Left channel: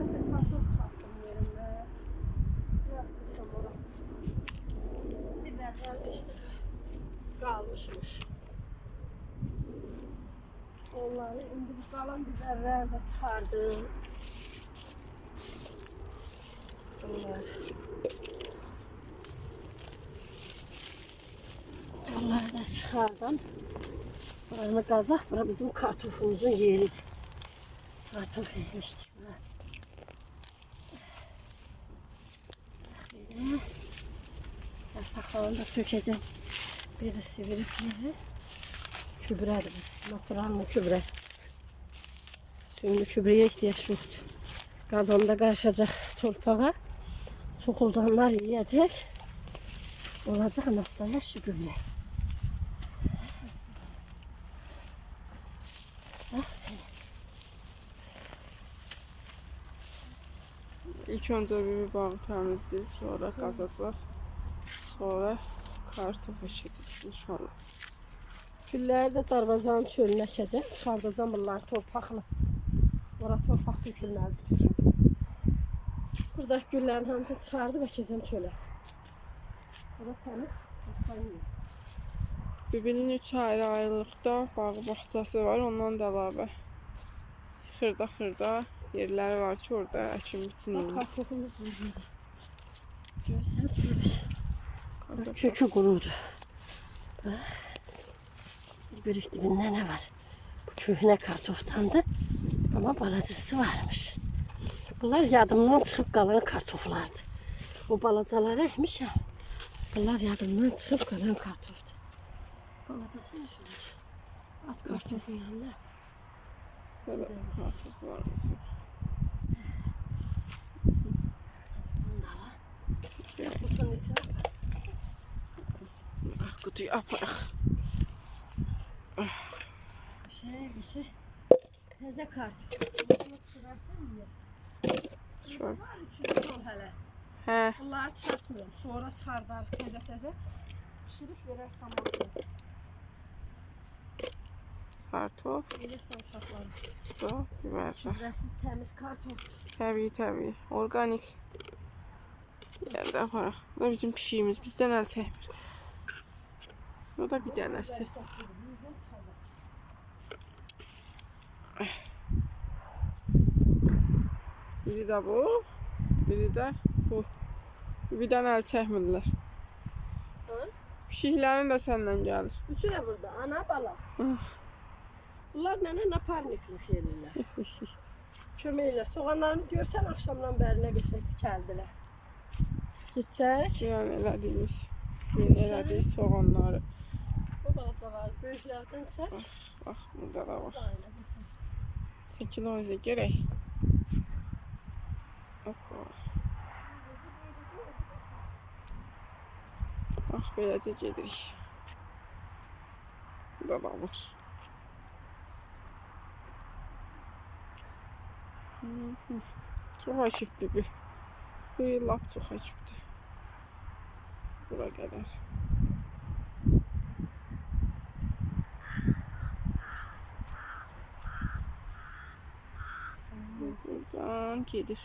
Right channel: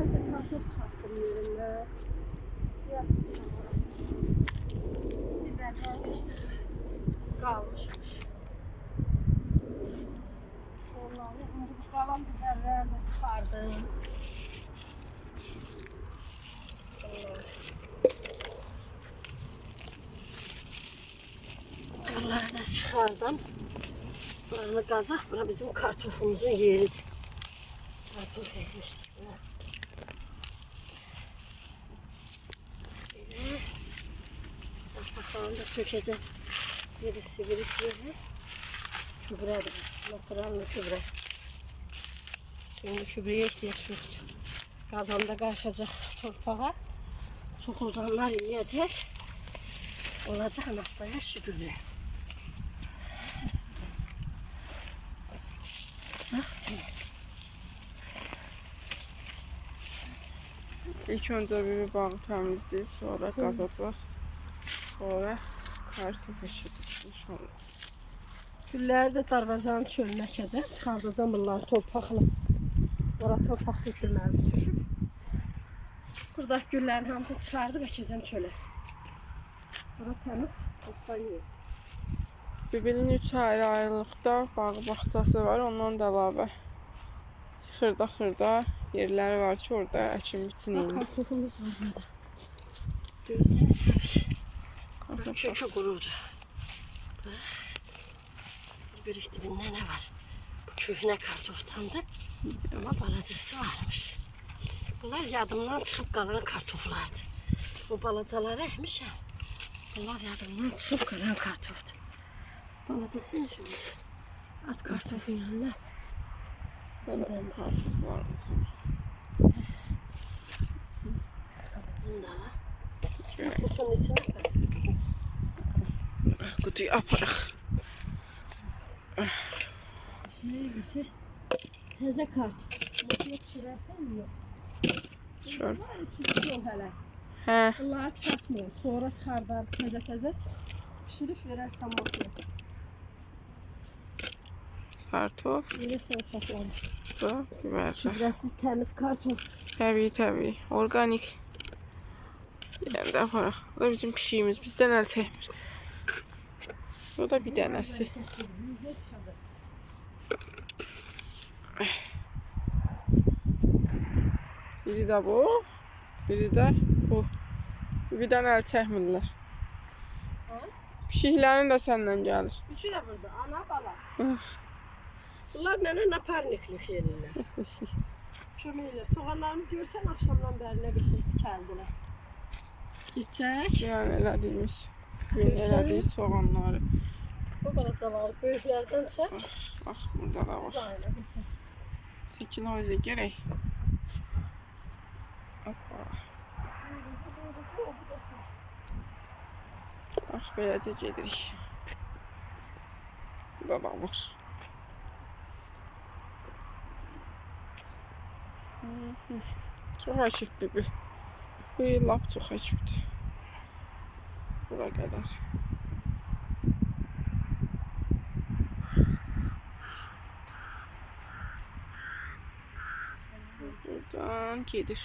Biraz da kartof çarptım yerine. Yapmışam oraya. Biberler işte kalmışmış. Onları indi bu kalan biberler de çıkardım. Bunları da çıkardım. Buranı kazak. Bura bizim kartofumuzun yeri. Kartof ekmiştik buna. Bakalım da tökeceğim. Birisi birikleri. Kübredir. Naturallı kübre. Şimdi kübreye ihtiyaç yoktu. Kazanda karışacak torpağa. Sokuldanlar yiyecek. Olacak hastaya şu gübre. Bak. İlk önce bir bağı temizleyip sonra kazacak. Sonra kartof eşecek inşallah. Gülləri də darvazanın çölünə əkəcəm. Çıxardacam bunları torpaqla. Ora torpaq tökülməli düşüb. Buradakı güllərin hamısını çıxardıb əkəcəm çölə. Ora təmiz olsan yer. Bibinin 3 ayrılıqda bağ bağçası var. Ondan da əlavə xırda yerləri var ki, orada əkin biçin Bax, eyni. kartofumuz var burada. Görsən səbiş. Kökü qurudur. Görük dibində nə var? Bu köhnə kartofdandır. Amma balacası varmış. Bunlar yadımdan çıxıb qalan kartoflardır. Bu balacaları əkmişəm. Bunlar yadımdan çıxıb qalan kartofdur. Balacası nə olur? At kartofun yanına. Böyle kartof var mesela. Bunu da var. Kutunun içine koy. Kutuyu aparaq. Bir şey. Təzə kartof. Masaya pişirərsən yiyor. Şöyle. Var üçüncü yol hələ. Hə, Bunları çarpmıyorum. Sonra çıxardar təzə pişirib verərsən masaya. kartof Verirsən uşaqlara. da biberlər. Gübrəsiz təmiz kartof. Təbii, organik. Yəni də aparaq. Bu da bizim pişiyimiz. Bizdən əl çəkmir. Bu da bir dənəsi. Biri də bu, biri də bu. Birdən əl çəkmirlər. Pişiklərin də səndən gəlir. Üçü də burada. Ana bala. Bunlar mənə naparniklik edirlər. Kömək elə. Soğanlarımız görsən axşamdan bəri nə qəşəng tikəldilər. Geçək. Yəni elədiyimiz. Yeni elədik soğanları. Bu balacaları böyüklərdən çək. Bax, burada da var. Aynen qəşəng. Çəkil o izə gərək. Hoppa. Bax, beləcə gedirik. Burada da var. Çox əkibdir bu. Bu il lap çox əkibdir. Bura qədər. Buradan gedir.